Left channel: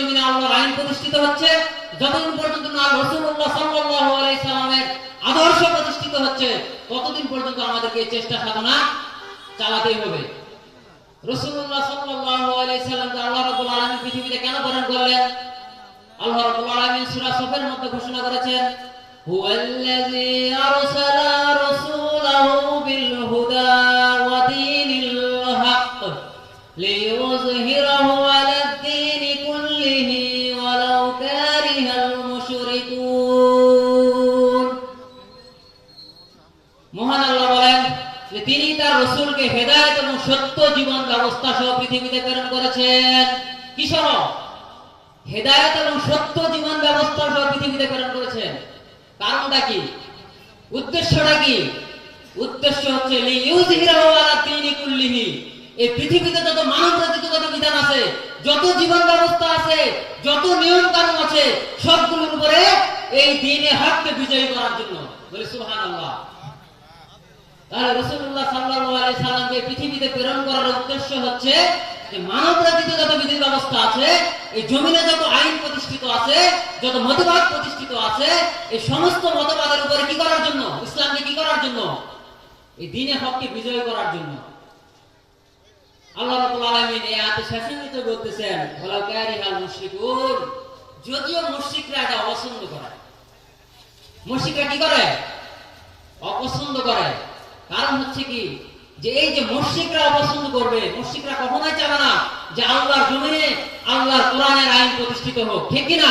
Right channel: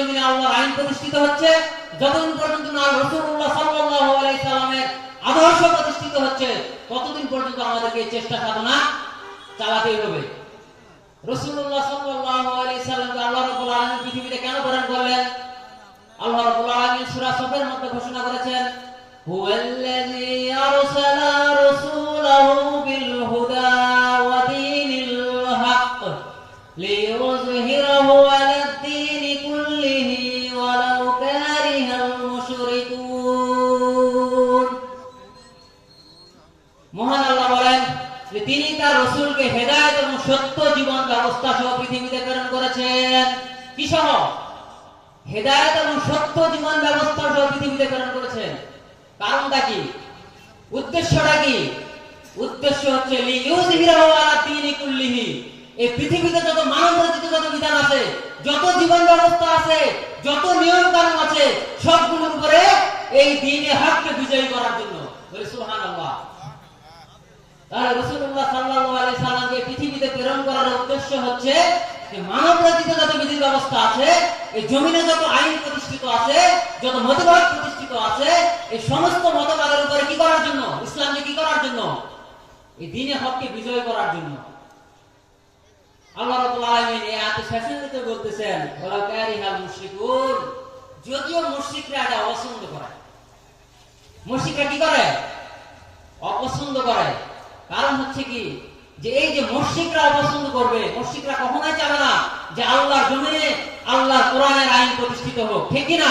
জমিনে আল্লাহর আইন প্রতিষ্ঠিত হচ্ছে, যতদিন পর্যন্ত না রাসূলুল্লাহ সাল্লাল্লাহু আলাইহি সাল্লামের আদর্শ প্রতিষ্ঠিত হচ্ছে, ততদিন পর্যন্ত আমাদেরকে এই চেষ্টা সাধনা চালাতেই হবে। রাসূলুল্লাহ সাল্লাল্লাহু আলাইহি সাল্লামকে আল্লাহ রাব্বুল আলামিন পৃথিবীতে কেন প্রেরণ করলেন? আল্লাহ রাব্বুল আলামিন সূরা সফের মধ্যে ঘোষণা করেছেন, হুয়াল্লাযী আরসালা রাসূলাহু বিল হুদা ওয়া দীনিল হক লিইয়ুযহিরাহু আলাদ দীনি কুল্লিহি ওয়ালাউ কারিহাল মুশরিকুন। মহান আল্লাহ বলেন যে তিনি তার রাসূলকে হেদায়েত এবং সত্য জীবন ব্যবস্থা সহ পৃথিবীতে প্রেরণ করেছেন। কি সহ? হেদায়েত এবং সত্য জীবন ব্যবস্থা সহ পৃথিবীতে প্রেরণ করেছেন। কারণটা কি? উদ্দেশ্যটা কি? উদ্দেশ্য হচ্ছে লিইয়ুযহিরাহু আলাদ দীনি কুল্লিহি, এই পৃথিবীতে যত মানব রচিত যত বিধান আছে, যত জীবন ব্যবস্থা আছে, যত নিয়ম কানুন আছে, সবগুলোর উপরে এই দ্বীনে হককে বিজয়ী করার জন্য। বলে সুবহানাল্লাহ। তাহলে রাসূলুল্লাহ সাল্লাল্লাহু আলাইহি সাল্লামকে পৃথিবীতে প্রেরণ করার উদ্দেশ্য হচ্ছে যে মানব রচিত যত বিধি ব্যবস্থা আছে, এই জমিনে যত আইন প্রতিষ্ঠিত আছে, যত মতবাদ প্রতিষ্ঠিত আছে, এই সমস্ত মতবাদের উপরে কি করার জন্য? ইসলামকে কি করার জন্য? এই দ্বীনে হককে বিজয় করার জন্য। আল্লাহ রাব্বুল আলামিন এই আয়াতে শেষে বলতেছেন, ওয়ালা কারিহাল মুশরিকুন, যদিও মুশরিকরা এটা অপছন্দ করে। মুশরিকরা কি করে? অপছন্দ করে। কারণ হচ্ছে কি, যে এই যে মুশরিকরা অপছন্দ করবে, মুশরিকরা কখনোই চাবে না যে আল্লাহর জমিনে আল্লাহর কোরআনের আইন প্রতিষ্ঠিত হোক, ঠিক কি না?